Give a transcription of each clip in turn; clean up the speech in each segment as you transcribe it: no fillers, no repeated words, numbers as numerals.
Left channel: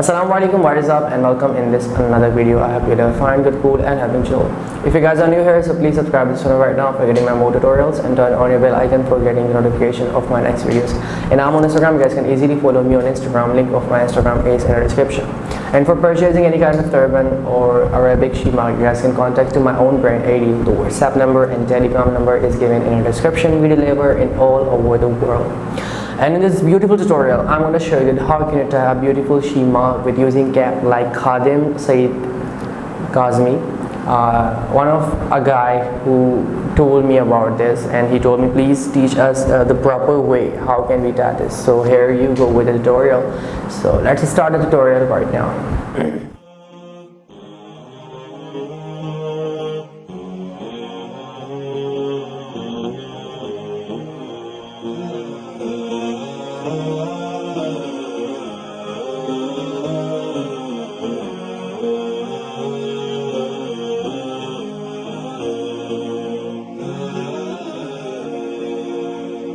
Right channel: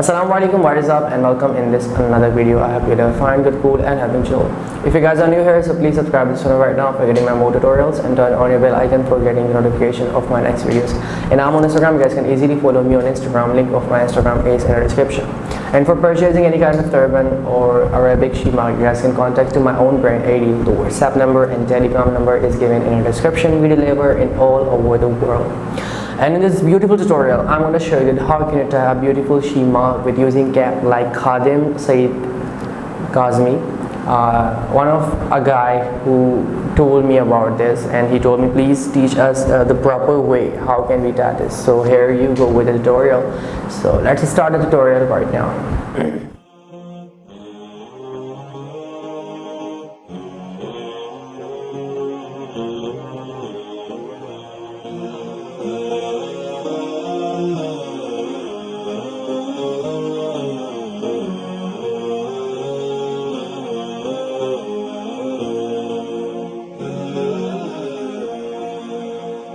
Assalamu Alaikum, what is up, and welcome in this another video. I hope you're fine, good, cool, and having chill. If you guys are new here, so please subscribe to this channel right now for getting my more tutorials, and turn on your bell icon for getting the notification of my next videos. And I'm on Instagram. You guys can easily follow me on Instagram. Link of my Instagram is in the description. And for purchasing any kind of turban or Arabic Shemagh, you guys can contact to my own brand ID. The WhatsApp number and Telegram number is given in the description. We deliver in all over the world. And in this beautiful tutorial, I'm going to show you how can you tie a beautiful Shemagh with using cap like Hamid Saeed Kazmi. One of a guy who told me about this, and he told me please teach us the proper way how can we tie this. So here you go with the tutorial. So let's start the tutorial right now.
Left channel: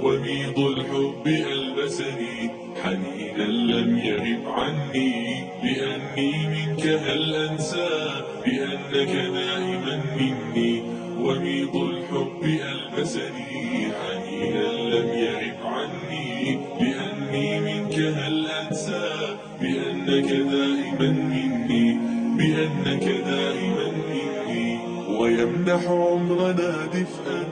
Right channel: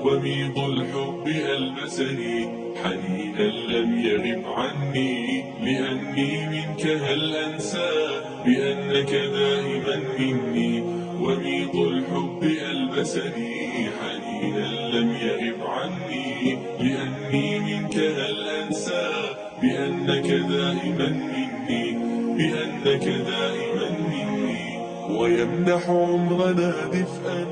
وميض الحب ألبسني حنينا لم يغب عني لأني منك هل أنسى بأنك دائما مني. وميض الحب ألبسني حنينا لم يغب عني لأني منك هل أنسى بأنك دائما مني بأنك دائما مني. ويمنح عمرنا دفئا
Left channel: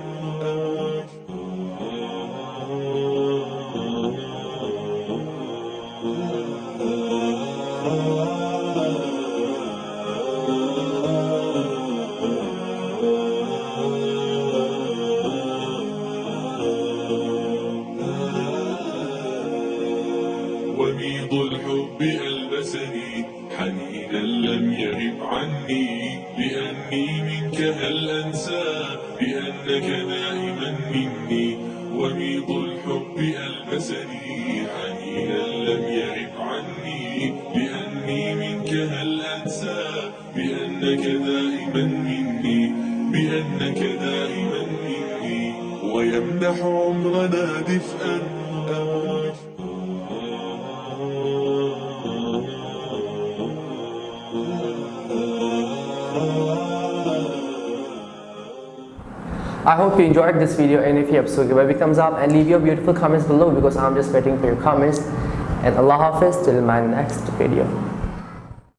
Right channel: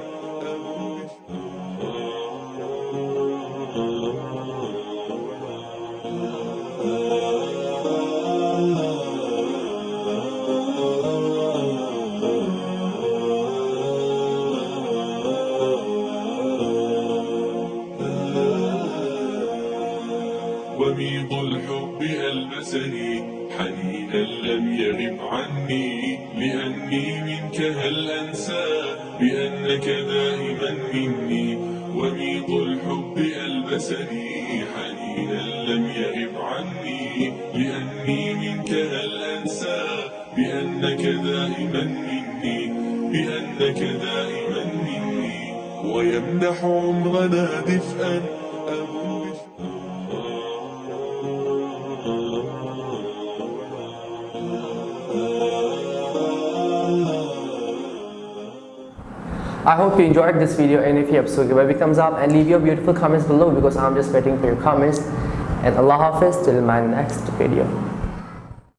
وميض الحب ألبسني حنينا لم يغب عني لأني منك هل أنسى بأنك دائما مني. وميض الحب ألبسني حنينا لم يغب عني لأني منك هل أنسى بأنك دائما مني بأنك دائما مني. ويمنح عمرنا دفئا I hope you enjoyed this video, and if you have, so give a big thumbs up and leave your beautiful comments below because I'm just waiting for your comments. And Allah Hafiz till my next video.